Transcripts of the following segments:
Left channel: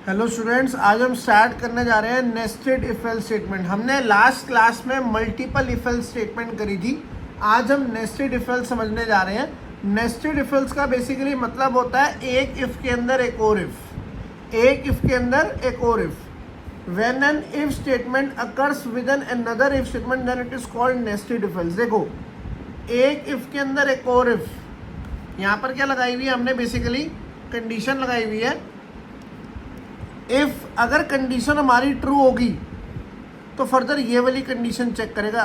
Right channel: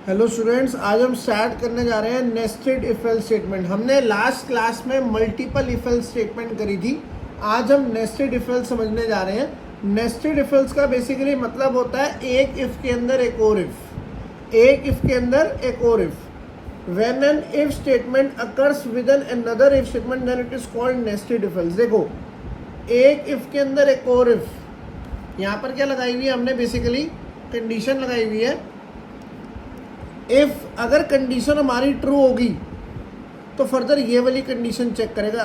Hello students, आज हम start करने जा रहे हैं नेस्टेड इफ एल्स स्टेटमेंट। हमने लास्ट क्लास में मल्टीपल इफ एल्स स्टेटमेंट करी थी। आज हम नेस्टेड इफ एल्स समझने जा रहे हैं। नेस्टेड इफ एल्स का बेसिकली मतलब होता है एक इफ के अंदर एक और इफ, एक इफ के अंदर एक और if. When an if statement occurs with an another if statement then it is called nested if else. देखो, एक इफ के अंदर एक और इफ, यहाँ पर क्या लगाई हुई है हमने, बेसिकली कंडीशन लगाई हुई है। इफ अगर कंडीशन हमारी ट्रू होगी तो फर्दर ये वाली कंडीशन चेक करेगा।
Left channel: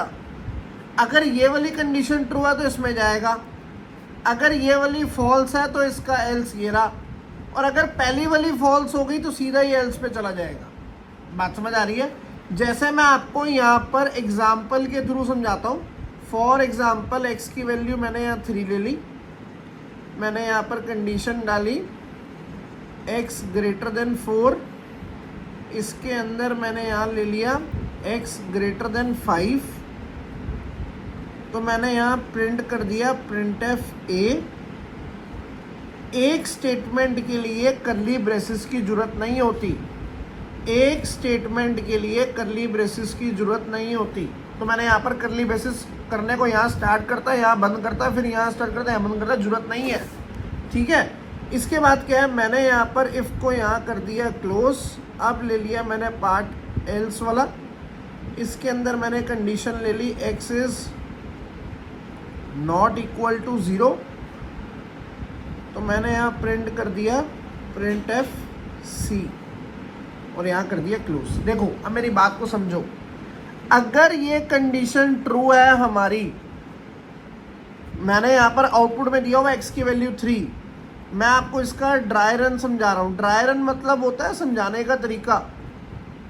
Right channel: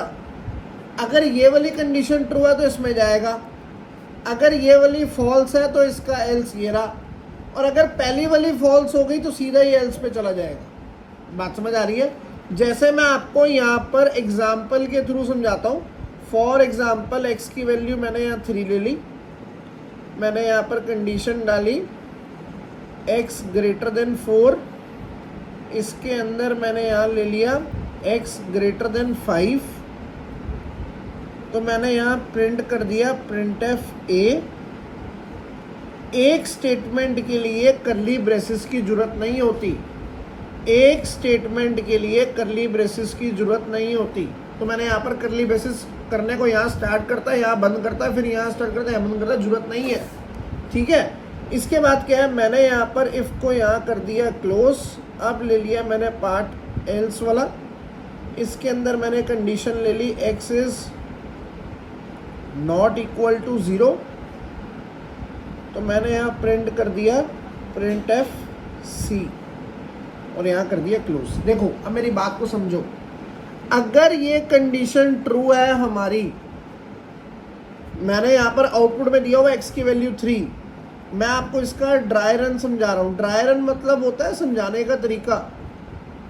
अगर ये वाली कंडीशन ट्रू है तो इसमें जाएगा, अगर ये वाली फॉल्स है तो इसका एल्स ये रहा, और अगर पहली वाली फॉल्स हो गई तो सीधा ये एल्स पे चला जाएगा। बात समझ आ रही है? जैसे मैं आपको यहाँ पर एग्जाम्पल के थ्रू समझाता हूँ। फॉर एग्जाम्पल एक्स की वैल्यू मैंने यहाँ 3 ले ली, मैंने यहाँ पर कंडीशन डाली x ग्रेटर देन 4, इसके अंदर मैंने यहाँ ले लिया x ग्रेटर देन 5, तो मैंने यहाँ प्रिंट कर दिया प्रिंट एफ ए। एक स्टेटमेंट के लिए करली ब्रेसेस की जरूरत नहीं होती, एक स्टेटमेंट के लिए करली ब्रेसेस की जरूरत नहीं होती। तो मैंने यहाँ पर करली ब्रेसेस करने को यहाँ स्टार्ट करता है, यहाँ बंद करता है, फिर यहाँ स्टार्ट करता है, यहाँ बंद करता है, जरूरत नहीं है। ठीक है, इसके बाद क्या है, मैंने यहाँ पर इफ को यहाँ कर दिया क्लोज। अब ले लिया मैंने पार्ट एल्स वाला, इसके अंदर मैंने कंडीशन ले ली x is not equal to 0, तो मैंने यहाँ प्रिंट कर दिया प्रिंट एफ सी और यहाँ कर दिया क्लोज। देखो, अब मेरी बात को समझो। अगर ये कंडीशन ट्रू है हमारी, मैंने यहाँ पर आउटपुट में दिया हुआ x की वैल्यू 3, मैं आपको इसका ड्राई रन समझा रहा हूँ। ड्राई रन मतलब होता है समझाने का तरीका।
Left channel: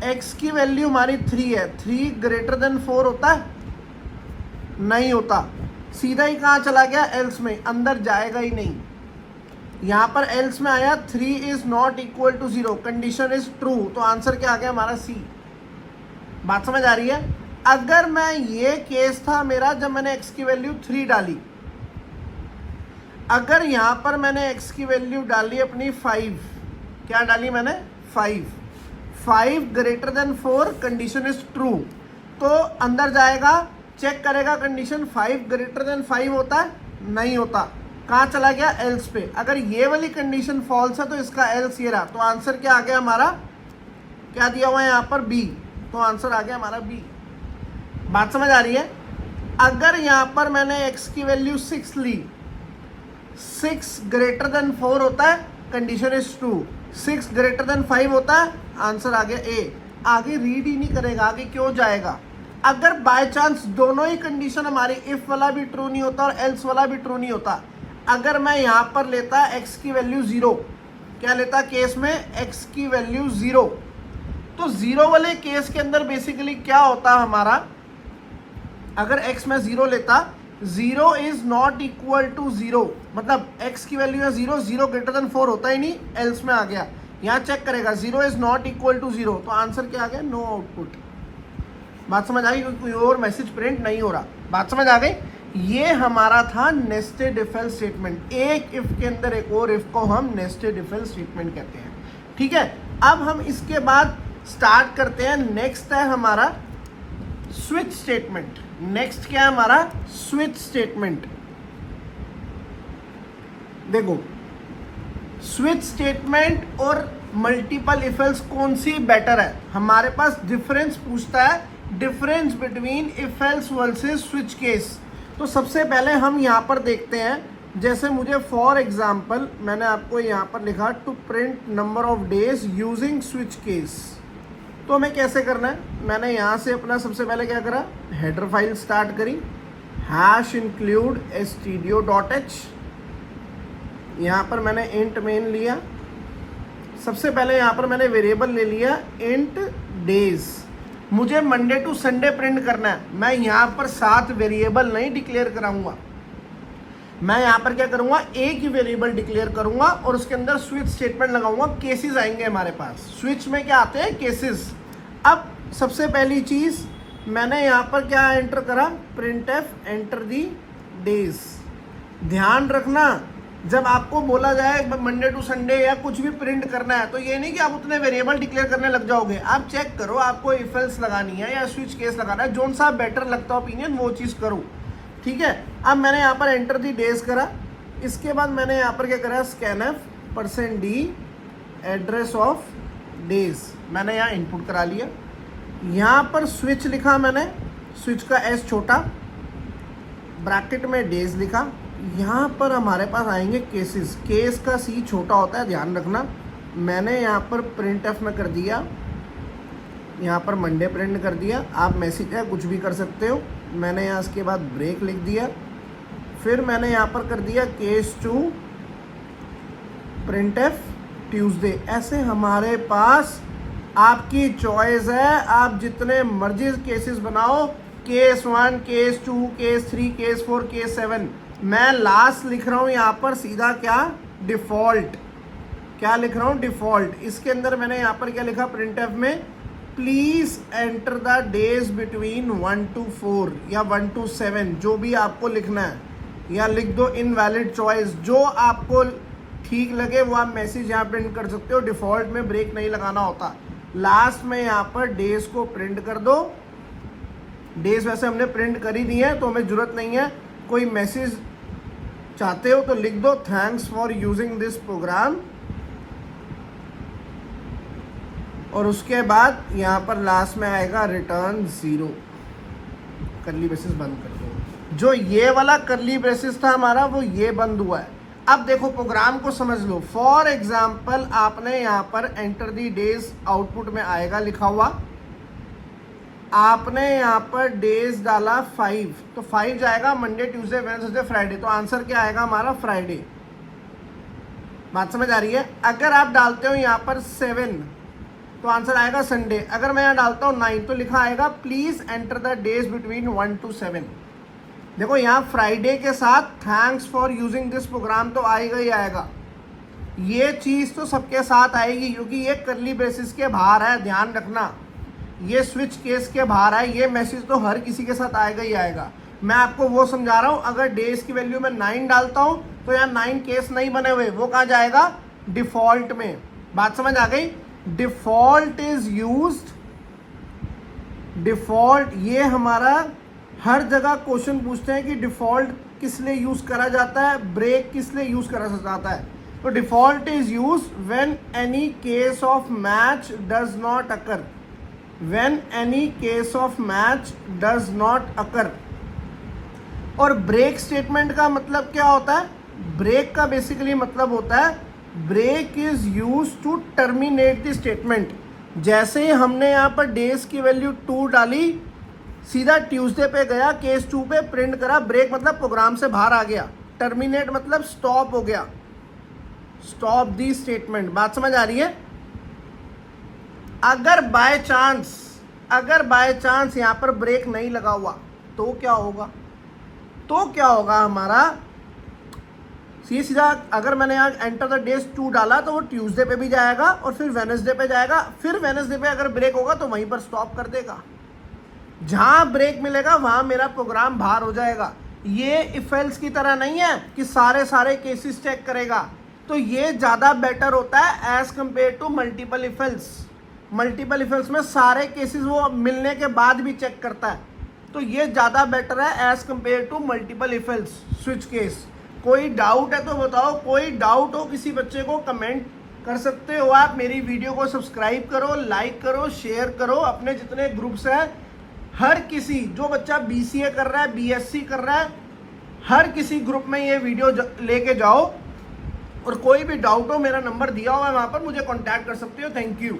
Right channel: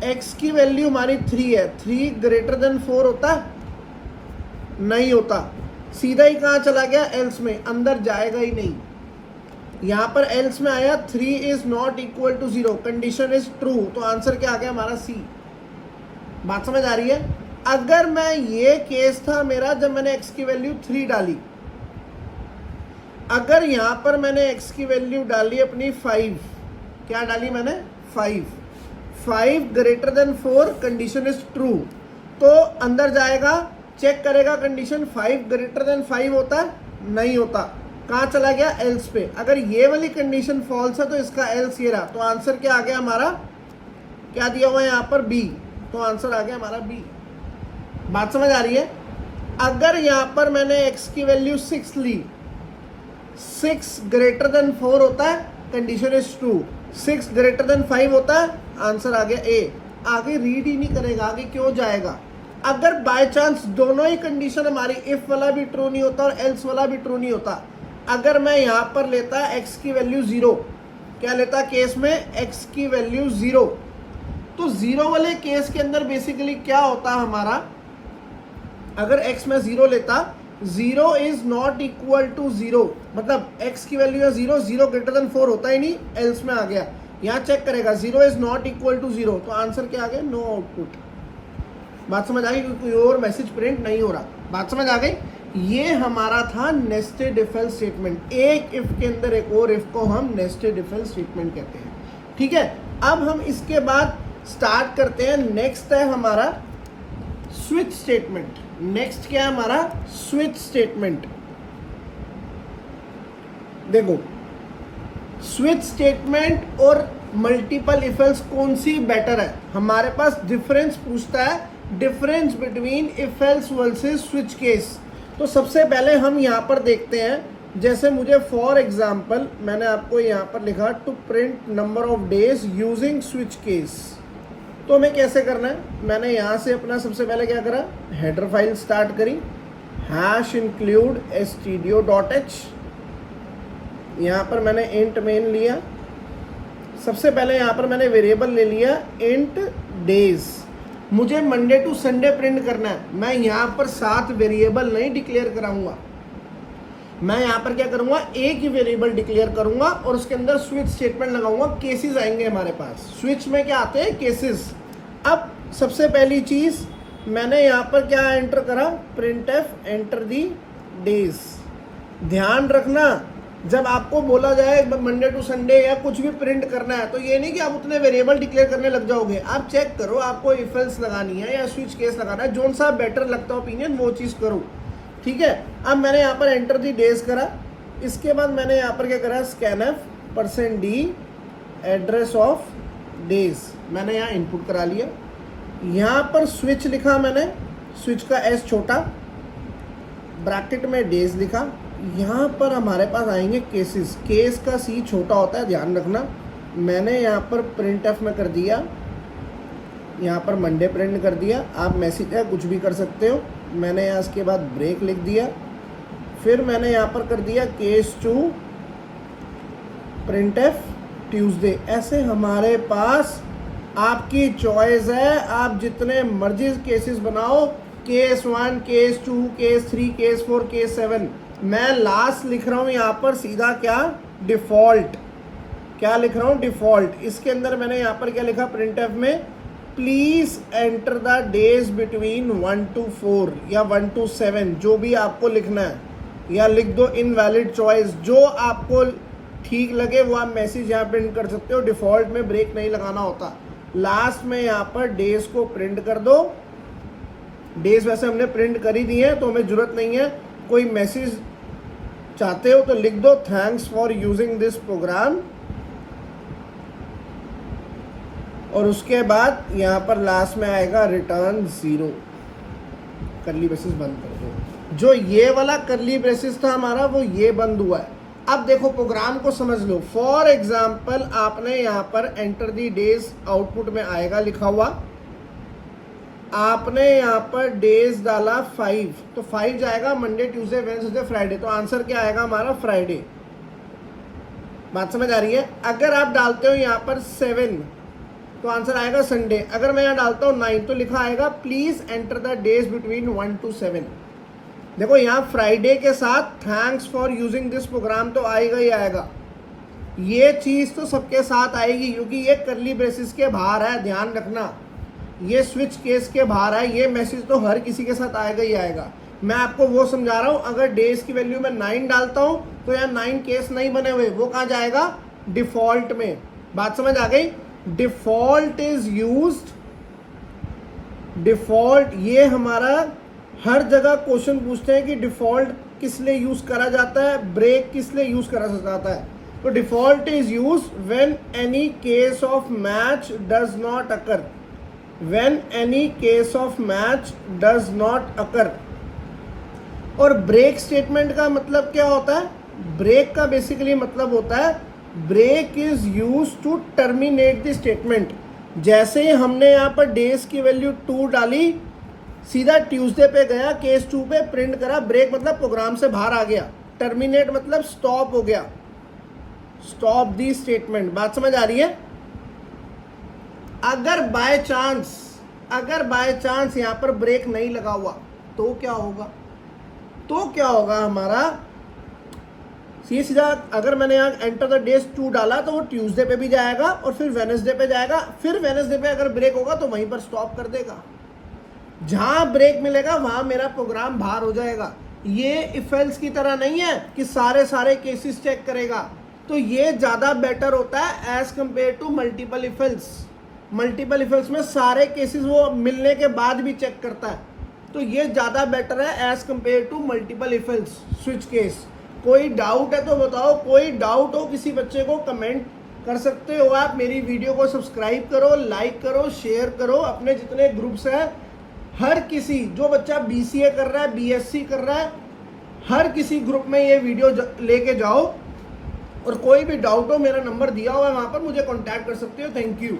x की वैल्यू हमारी 3 है, 3 ग्रेटर देन 4 होता है? नहीं होता, सीधा ही कहाँ चला गया, एल्स में, अंदर जाएगा ही नहीं। यहाँ पर एल्स में आया 3 is not equal to 0, condition is true, तो आंसर क्या आ गया हमारा सी। बात समझ आ रही है? अगर मैं, ये केस था मेरा जब मैंने x की वैल्यू 3 डाली, अगर यहां पर मैंने x की वैल्यू डाली अपनी 5, क्या डाली मैंने 5 greater than 4, condition is true, तो अंदर जाएगा, चेक करेगा कंडीशन 5 ग्रेटर देन 5 होता है? नहीं होता, कहां चला गया, एल्स पे। अगर ये वाली कंडीशन फॉल्स है तो इसका एल्स ये रहा, तो आंसर क्या आ गया हमारा, क्या दिया हुआ है यहाँ पर बी, तो आंसर आ गया हमारा बी। बात समझ आ रही है? अगर यहां पर मैंने x की वैल्यू 6 ली, 6 ग्रेटर देन 4 होता है, condition is true, 6 greater than 5 होता है, आंसर आ गया ए। आगे रीड ही नहीं करेगा, आगे क्यों जाएगा? अगर बाय चांस दोनों ही कंडीशन हमारी, इफ वाला भी ट्रू नहीं होता और एल्स वाला भी ट्रू नहीं होता, अगर मैं यहां पर लेता x की वैल्यू 0, क्या लेता केस में, x की वैल्यू 0, तो 0 वाले केस के अंदर बेसिकली क्या होता हमारा, अगर x में 0 लेता, 0 इज नॉट इक्वल टू 0, मतलब x की वैल्यू है 0, 0 ग्रेटर देन 4 होता ही नहीं, एल्स में आ गया। यहाँ चेक करेगा 0 इज नॉट इक्वल टू 0, तो आंसर क्या आ गया, नो आउटपुट। बात समझ आ गई? कोई और मैसेज प्रिंट नहीं हो रहा। बात समझ आ गई? ये हमारा था नेस्टेड इफ एल्स स्टेटमेंट। एक इफ के अंदर एक और इफ को हम नेस्टेड इफ एल्स स्टेटमेंट कहते हैं। ठीक है, अब हम इसके बाद स्टार्ट करते हैं। नेक्स्ट है हमारा स्विच स्टेटमेंट। नेक्स्ट क्या है हमारा, स्विच स्टेटमेंट। देखो, स्विच स्टेटमेंट और मल्टीपल इफ एल्स कौन सी बेटर है? हमारे पास डिफरेंस पूछता है, difference between if else versus switch case. तो सबसे पहले हम यहां पर देखते हैं, जैसे मुझे फॉर एग्जांपल मैंने आपको यहां पर लिखा to print number of days using switch case, तो हमें कैसे करना है, मैंने यहाँ से अपना सबसे पहले क्या करा, हेडर फाइल स्टार्ट करी, हैश इंक्लूड stdio.h, यहाँ पर मैंने इंट मेन लिया। सबसे पहले यहाँ पर मैंने वेरिएबल ले लिया इंट डेज। मुझे मंडे टू संडे प्रिंट करना है, मैं यहाँ पर 7 वेरिएबल नहीं डिक्लेयर कराऊंगा, मैं यहाँ पर क्या करूंगा, एक ही वेरिएबल डिक्लेयर करूंगा और उसके अंदर स्विच स्टेटमेंट लगाऊंगा। केसेस आएंगे हमारे पास, स्विच में क्या आते हैं, केसेस। अब सबसे पहली चीज मैंने यहाँ पर क्या एंटर करा, print F enter the days. ध्यान रखना, जब आपको बोला जाए मंडे टू संडे या कुछ भी प्रिंट करना है, तो ये नहीं कि आप उतने वेरिएबल डिक्लेयर करने लग जाओगे। आप चेक करो आपको इफ एल्स लगानी है या स्विच केस लगाना है, जोन सा बेटर लगता ओपिनियन वो चीज़ करो, ठीक है। अब मैंने यहाँ पर एंटर दी डेज करा, इसके बाद मैंने यहाँ पर क्या करा, scanf %d address of days मैंने यहाँ इनपुट करा लिया। यहाँ पर स्विच लिखा मैंने, स्विच का एस छोटा, ब्रैकेट में डेज लिखा। यहाँ पर हमारे पास आएंगे केसेस, केस का सी छोटा होता है, ध्यान रखना। मैंने यहाँ पर प्रिंट एफ में कर दिया, यहाँ पर मंडे प्रिंट कर दिया। आप मैसेज है कुछ भी कर सकते हो। मैंने यहाँ इसके बाद ब्रेक लिख दिया, फिर मैंने यहाँ पर कर दिया case to print F Tuesday. ऐसे हमारे पास आपकी चॉइस है, आप जितने मर्जी केसेस बनाओ, case 1, case 2, case 3, case 4, case 7। मैं लास्ट लिख रहा हूँ यहाँ पर सीधा क्या, डिफॉल्ट। क्या लिख रहा हूँ, डिफॉल्ट। इसके अंदर मैंने यहाँ पर क्या लिखा, प्रिंट एफ में please enter the days between 1 to 4 या 1 to 7, जो भी आपको लिखना है, या लिख दो इनवैलिड चॉइस, जो आपको ठीक लगे वो आप मैसेज यहाँ प्रिंट कर सकते हो। डिफॉल्ट में ब्रेक नहीं लगाना होता। लास्ट में यहाँ पर डेज को प्रिंट कर दो। डेज वैसे हमने प्रिंट कर ही दी है तो हमें जरूरत नहीं है। कोई मैसेज चाहते हो तो लिख दो, thanks for using this program, और उसके बाद यहाँ पर लास्ट में आएगा रिटर्न 0। करली ब्रेसेस बंद कर दो। जो ये वाला करली ब्रेसेस था हमारा, वो ये बंद हुआ है। अब देखो प्रोग्राम को समझ लो। फॉर एग्जाम्पल आपने यहाँ पर एंटर दी डेज, आउटपुट में आएगा लिखा हुआ, आपने यहाँ पर डेज डाला 5, तो 5 जाएगा मंडे ट्यूसडे वेडनेसडे फ्राइडे, तो आंसर क्या आएगा हमारा, फ्राइडे। बात समझ आ रही है। अगर आप डालते हो यहाँ पर 7 तो आंसर आएगा संडे। अगर मैं यहाँ डालता हूँ 9 तो लिखा आएगा please enter the days between 1 to 7। देखो यहाँ फ्राइडे के साथ thanks for using this program तो आएगा ही आएगा। ये चीज तो सबके साथ आएगी क्योंकि ये करली ब्रेसेस के बाहर है, ध्यान रखना। ये स्विच केस के बाहर है, ये मैसेज तो हर किसी के साथ आएगा ही आएगा। मैं आपको वो समझा रहा हूँ, अगर डेज की वैल्यू में 9 डालता हूँ तो यार 9 केस नहीं बने हुए, वो कहाँ जाएगा, डिफॉल्ट में। बात समझ आ गई। डिफॉल्ट इज यूज्ड, डिफॉल्ट ये हमारा हर जगह क्वेश्चन पूछते हैं कि डिफॉल्ट किस लिए यूज करा जाता है, ब्रेक किस लिए यूज करा जाता है। तो default is use when any case of match does not occur, when any case of match does not occur. और ब्रेक स्टेटमेंट का मतलब क्या होता है, ब्रेक का बेसिकली मतलब होता है break is use to terminate the statement. जैसे ही हमने यहाँ पर डेज की वैल्यू 2 डाली, सीधा ट्यूसडे पे गया, केस 2 पे प्रिंट करा। ब्रेक मतलब प्रोग्राम से बाहर आ गया, टर्मिनेट मतलब स्टॉप हो गया, स्टॉप दी स्टेटमेंट। बात समझ आ रही है। अगर बाय चांस यहां पर ब्रेक नहीं लगा हुआ तो क्या होगा, तो क्या होगा हमारा सीधा, अगर मैंने यहाँ एंटर द डेज 2 डाला तो वो ट्यूसडे पे भी जाएगा और फिर वेडनेसडे पे जाएगा। फिर वेडनेसडे पे अगर ब्रेक होगा तो वहीं पर स्टॉप कर देगा। जहां ब्रेक मिलेगा वहां मेरा प्रोग्राम बाहर हो जाएगा। ये इफ एल्स की तरह नहीं है कि सारे केसेस चेक करेगा, तो ये ज्यादा बेटर होता है as compare to multiple if else. Multiple if else में सारे केसेस वो मिलने के बाद भी चेक करता है, तो ये ज्यादा बेटर है as compare to multiple if else switch case. कोई डाउट है तो बताओ, कोई डाउट हो किसी बच्चे को कमेंट कर सकते हो आप। मेरी वीडियो को सब्सक्राइब करो, लाइक करो, शेयर करो, अपने जितने ग्रुप्स हैं हर किसी, जो बच्चा BCA कर रहा है, BSc कर रहा है, हर किसी ग्रुप में ये वीडियो लेके जाओ। और कोई भी डाउट हो, मेरा नंबर दिया हुआ है वहां पर, मुझे कांटेक्ट कर सकते हो। Thank you.